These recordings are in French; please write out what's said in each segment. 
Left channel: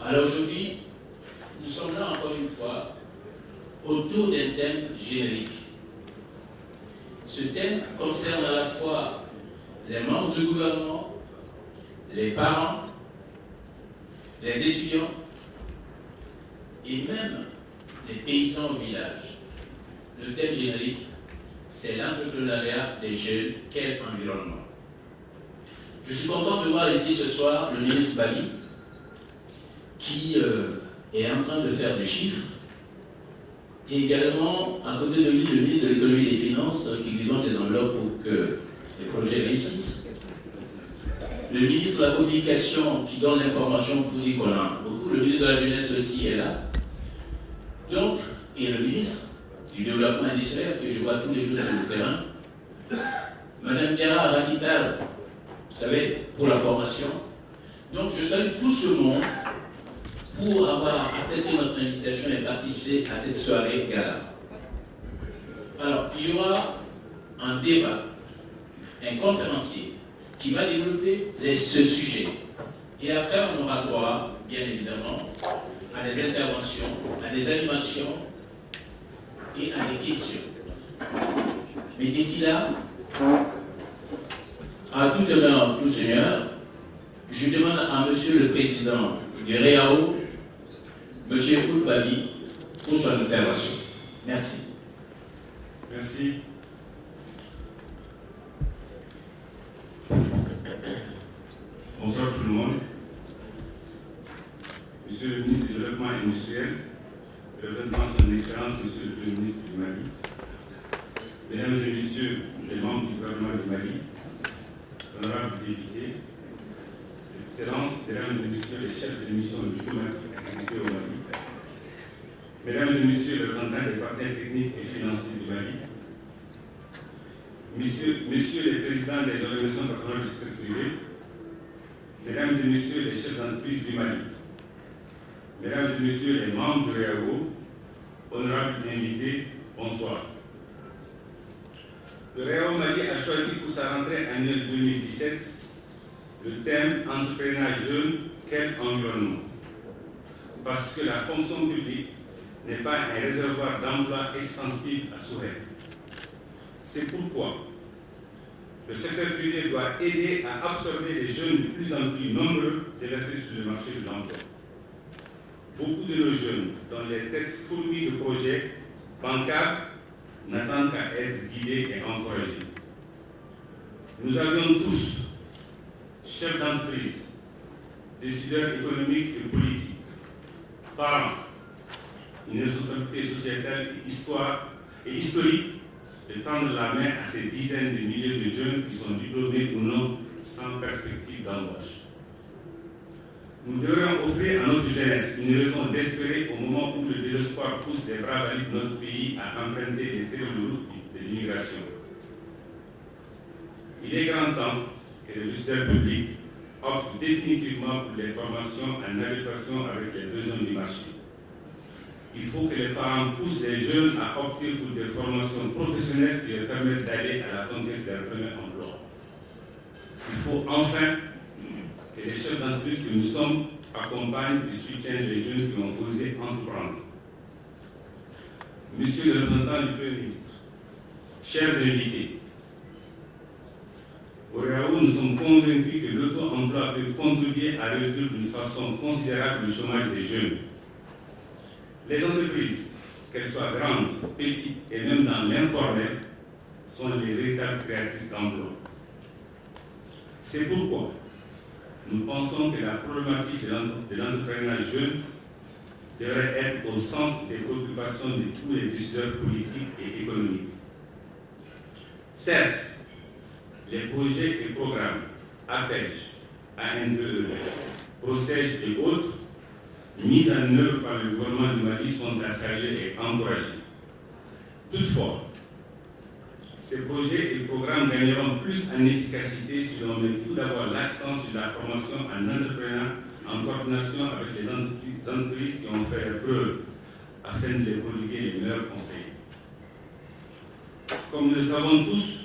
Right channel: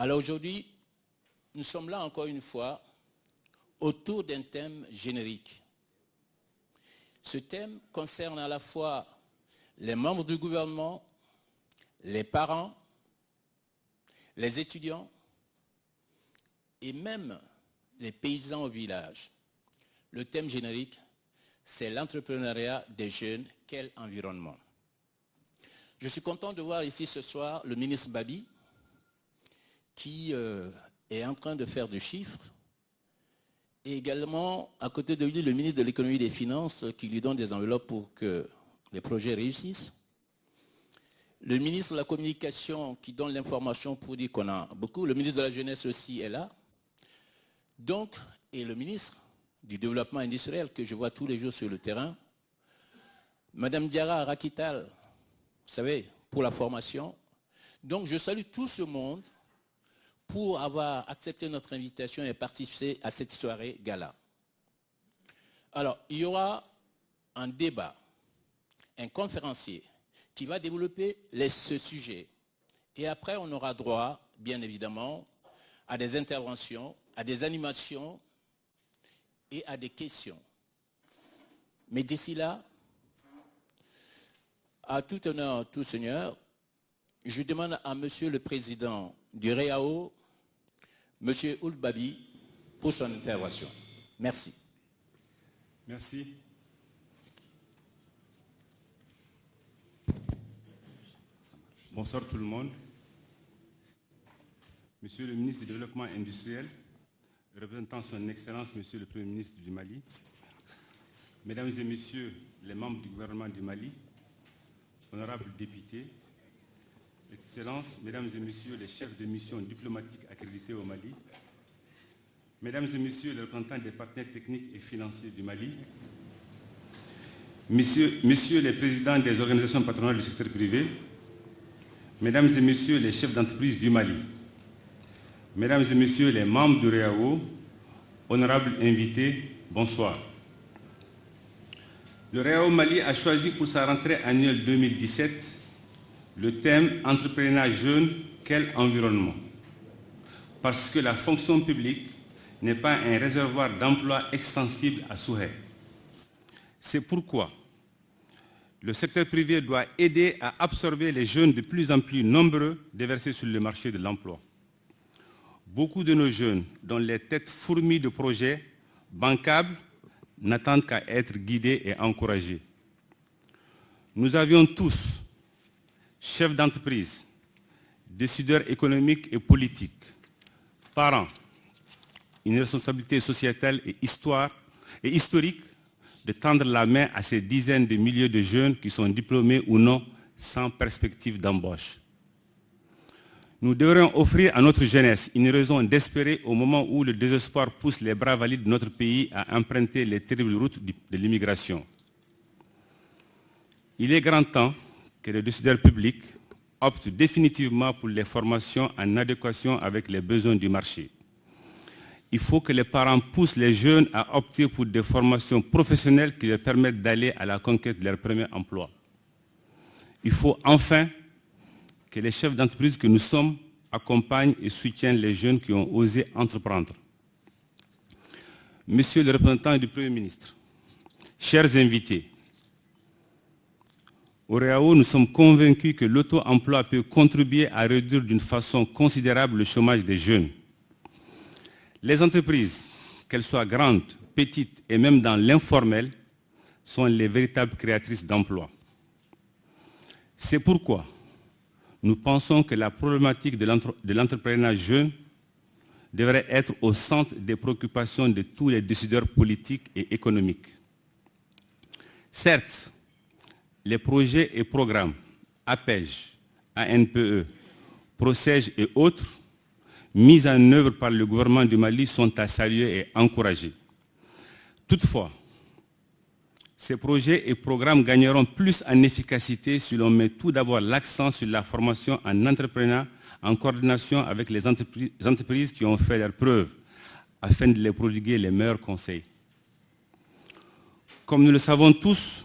Alors aujourd'hui, nous sommes là encore une fois autour d'un thème générique. Ce thème concerne à la fois les membres du gouvernement, les parents, les étudiants et même les paysans au village. Le thème générique, c'est l'entrepreneuriat des jeunes, quel environnement. Je suis content de voir ici ce soir le ministre Bali qui est en train de faire du chiffre et également à côté de lui le ministre de l'économie et des finances qui lui donne des enveloppes pour que les projets réussissent. Le ministre de la communication qui donne l'information pour dire qu'on a beaucoup, le ministre de la jeunesse aussi est là. Donc, et le ministre du développement industriel que je vois tous les jours sur le terrain, Madame Diana Arakital, vous savez, pour la formation. Donc je salue tout ce monde pour avoir accepté notre invitation et participer à cette soirée gala. Alors, il y aura un débat, un conférencier qui va développer ce sujet. Et après, on aura droit, bien évidemment, à des interventions, à des animations et à des questions. Mais d'ici là, à tout honneur, tout seigneur, je demande à Monsieur le Président du REAO, Monsieur Koulbali, pour son intervention. Merci. Merci. Bonsoir tout le monde. Monsieur le ministre du Développement industriel, représentant son Excellence, Monsieur le Premier ministre du Mali, Mesdames et Messieurs les membres du gouvernement du Mali, honorables députés, Excellences, Mesdames et Messieurs les chefs de mission diplomatique accrédités au Mali, Mesdames et Messieurs les représentants des partenaires techniques et financiers du Mali, Messieurs les présidents des organisations patronales du secteur privé, Mesdames et Messieurs les chefs d'entreprise du Mali, Mesdames et Messieurs les membres du REAO, honorables invités, bonsoir. Le REAO Mali a choisi pour sa rentrée annuelle 2017 le thème « Entrepreneuriat jeune, quel environnement ?» parce que la fonction publique n'est pas un réservoir d'emplois extensible à souhait. C'est pourquoi le secteur privé doit aider à absorber les jeunes de plus en plus nombreux déversés sur le marché de l'emploi. Beaucoup de nos jeunes, dont les têtes fourmillent de projets bancables, n'attendent qu'à être guidés et encouragés. Nous avions tous, chefs d'entreprise, décideurs économiques et politiques, parents, une responsabilité sociétale et historique de tendre la main à ces dizaines de milliers de jeunes qui sont diplômés ou non sans perspective d'embauche. Nous devrions offrir à notre jeunesse une raison d'espérer au moment où le désespoir pousse les bras valides de notre pays à emprunter les terribles routes de l'immigration. Il est grand temps que les décideurs publics optent définitivement pour les formations en adéquation avec les besoins du marché. Il faut que les parents poussent les jeunes à opter pour des formations professionnelles qui leur permettent d'aller à la conquête de leur premier emploi. Il faut enfin que les chefs d'entreprise que nous sommes accompagnent et soutiennent les jeunes qui ont osé entreprendre. Monsieur le représentant du Premier ministre, chers invités, au REAO, nous sommes convaincus que l'auto-emploi peut contribuer à réduire d'une façon considérable le chômage des jeunes. Les entreprises, qu'elles soient grandes, petites et même dans l'informel, sont les véritables créatrices d'emplois. C'est pourquoi nous pensons que la problématique de l'entrepreneuriat jeune devrait être au centre des préoccupations de tous les décideurs politiques et économiques. Certes, les projets et programmes APEJ, ANPE, PROCEJ et autres mis en œuvre par le gouvernement du Mali sont à saluer et encourager. Toutefois, ces projets et programmes gagneront plus en efficacité si l'on met tout d'abord l'accent sur la formation en entrepreneuriat en coordination avec les entreprises qui ont fait leurs preuves afin de les prodiguer les meilleurs conseils. Comme nous le savons tous,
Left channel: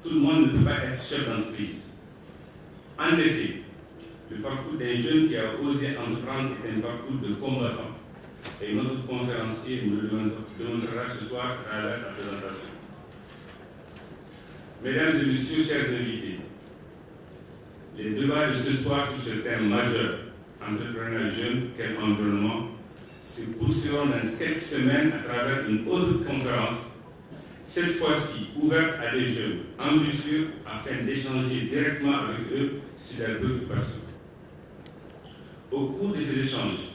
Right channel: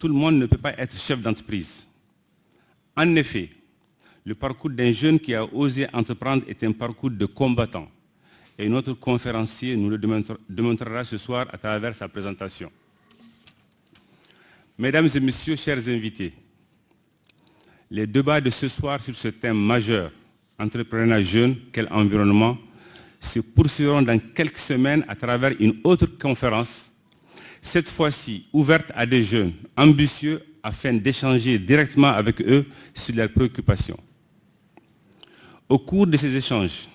tout le monde ne peut pas être chef d'entreprise. En effet, Le parcours d'un jeune qui a osé entreprendre est un parcours de combattant. Et notre conférencier nous le démontrera ce soir à travers sa présentation. Mesdames et messieurs, chers invités, les débats de ce soir sur ce thème majeur, entrepreneuriat jeune, quel environnement, se poursuivront dans quelques semaines à travers une autre conférence, cette fois-ci ouverte à des jeunes ambitieux afin d'échanger directement avec eux sur leurs préoccupations. Au cours de ces échanges,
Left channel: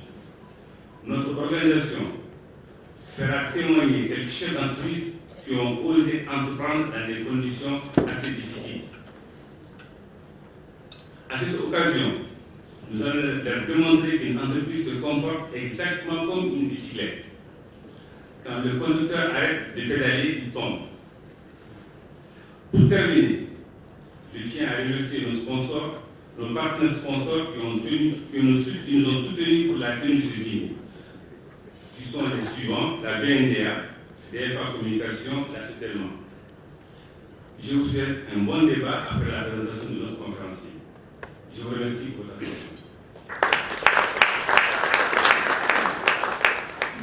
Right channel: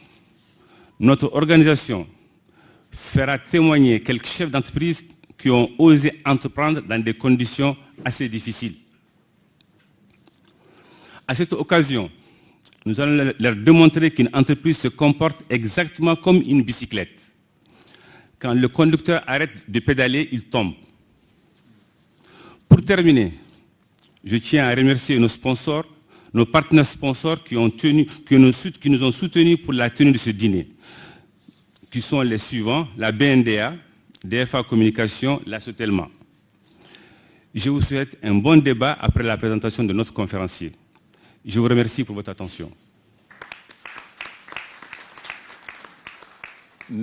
notre organisation fera témoigner quelques chefs d'entreprise qui ont osé entreprendre dans des conditions assez difficiles. À cette occasion, nous allons leur démontrer qu'une entreprise se comporte exactement comme une bicyclette. Quand le conducteur arrête de pédaler, il tombe. Pour terminer, je tiens à remercier nos sponsors, nos partenaires sponsors qui nous ont soutenus pour la tenue de ce dîner, qui sont les suivants, la BNDA, DFA Communication, la Sotelma. Je vous souhaite un bon débat après la présentation de notre conférencier. Je vous remercie pour votre attention.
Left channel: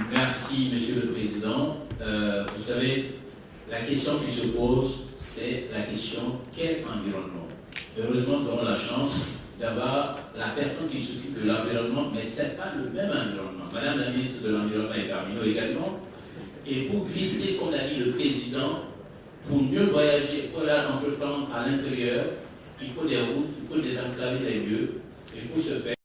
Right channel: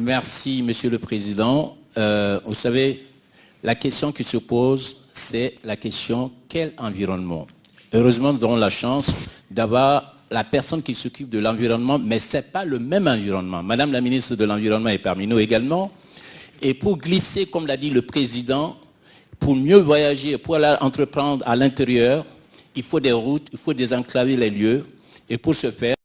Merci, Monsieur le Président. Vous savez, la question qui se pose, c'est la question quel environnement? Heureusement, nous avons la chance d'avoir la personne qui s'occupe de l'environnement, mais ce n'est pas le même environnement. Madame la ministre de l'Environnement est parmi nous également. Et pour glisser, comme l'a dit le Président, pour mieux voyager, pour aller entreprendre à l'intérieur, il faut des routes, il faut désenclaver les lieux. Et pour ce faire,